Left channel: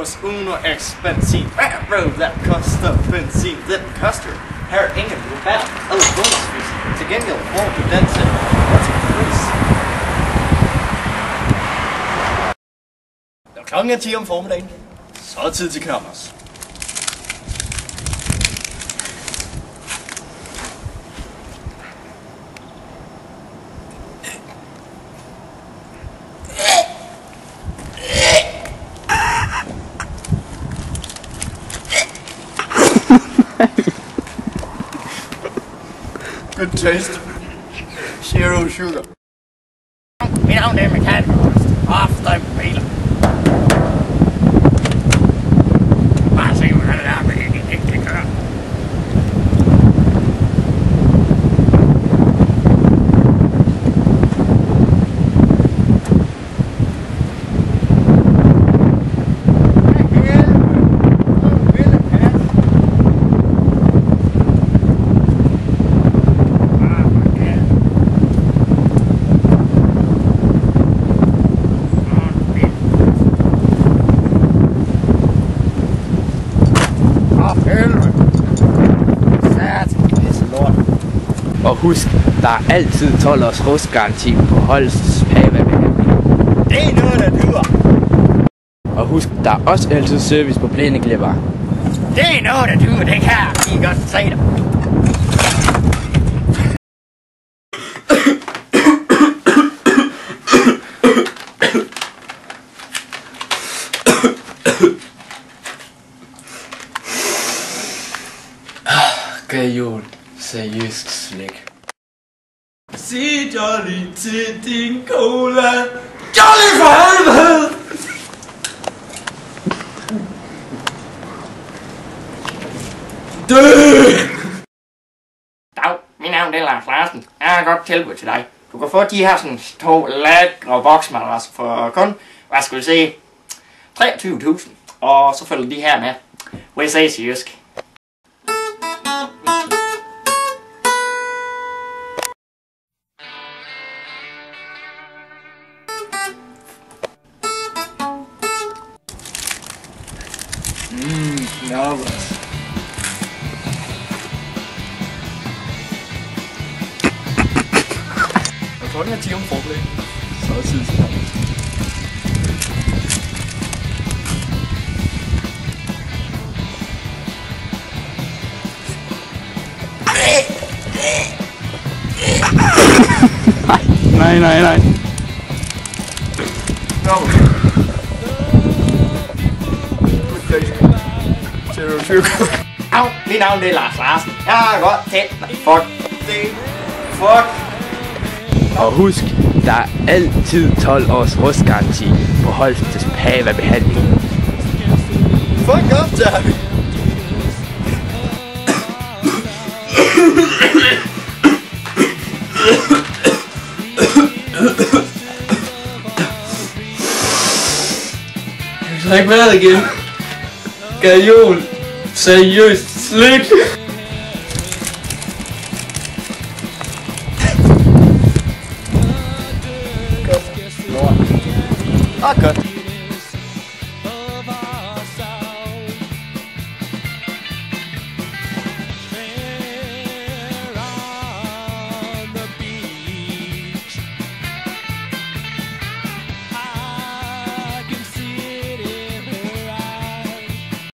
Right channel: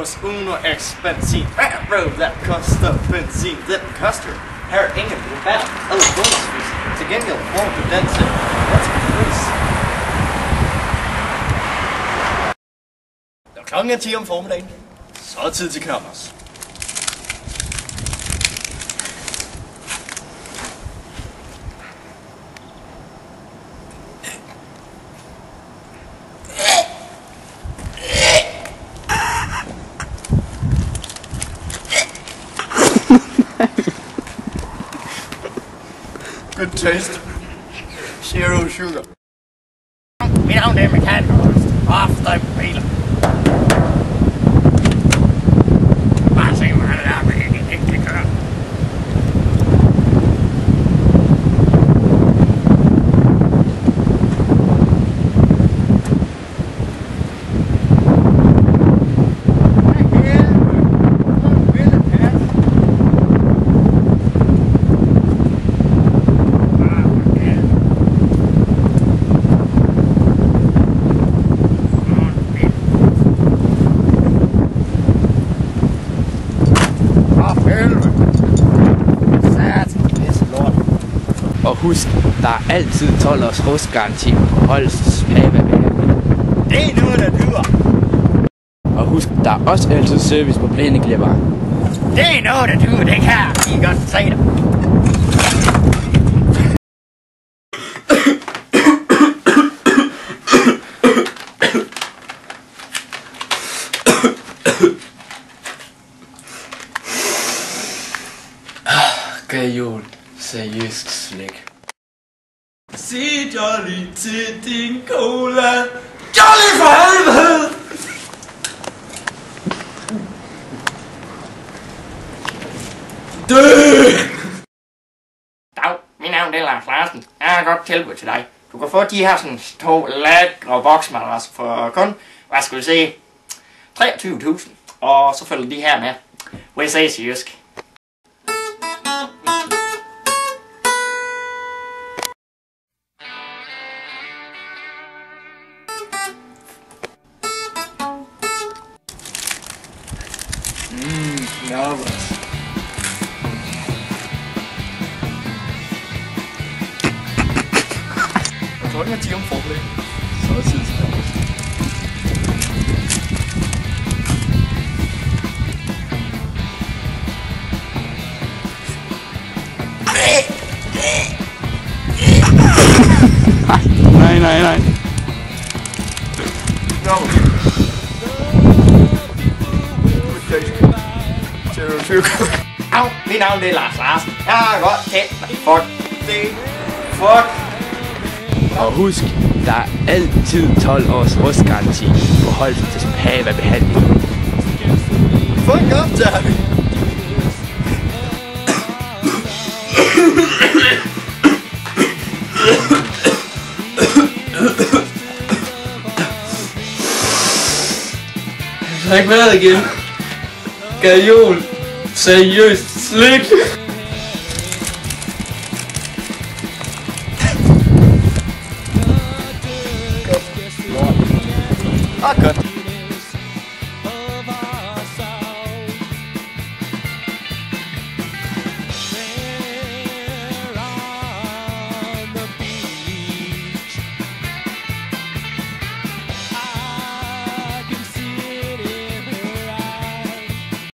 hos Uno X Benzin. Railroad, that koster benzin, den koster. Her er ingen rabat eller bonusvis. Til gengæld får du den til pris. Når klokken er 10 om formiddagen, så er det tid til Knappers. Good taste. Zero sugar. Mit navn er mekaniker. Off-støj på biler. Bare se, hvordan det er, men ikke kan køre. Og husk, der er altid 12 års rustgaranti på Holsts Pava-behandling. Det er noget, der dyrer. Og husk, der er også altid service på plæneklipper. Det er noget, der dyrer, det kan jeg lige godt se dig. Gajol, seriøst slik. Sig Jolly til din cola. Jolly for helvede! Dag, mit navn er Lars Larsen. Jeg har et godt tilbud til dig. Du kan få de her sådan 2 lækre boksmadrasser for kun, hvad skal vi sige, 23.000. Og så følger de her med. Hvor jeg ses i jysk. Knappers. Jeg tror, den er 10 om formiddagen. Så er det tid til Knappers. Nej. Knappers. Au, mit navn er Lars Larsen. Jeg har godt tændt mig. Fuck. Og husk, der er altid 12 års rustgaranti på Holsts Pava-behandling. Fuck op, Derby. Jeg har ikke været igen. Gajol, seriøst slik. Godt. Lort. Godt.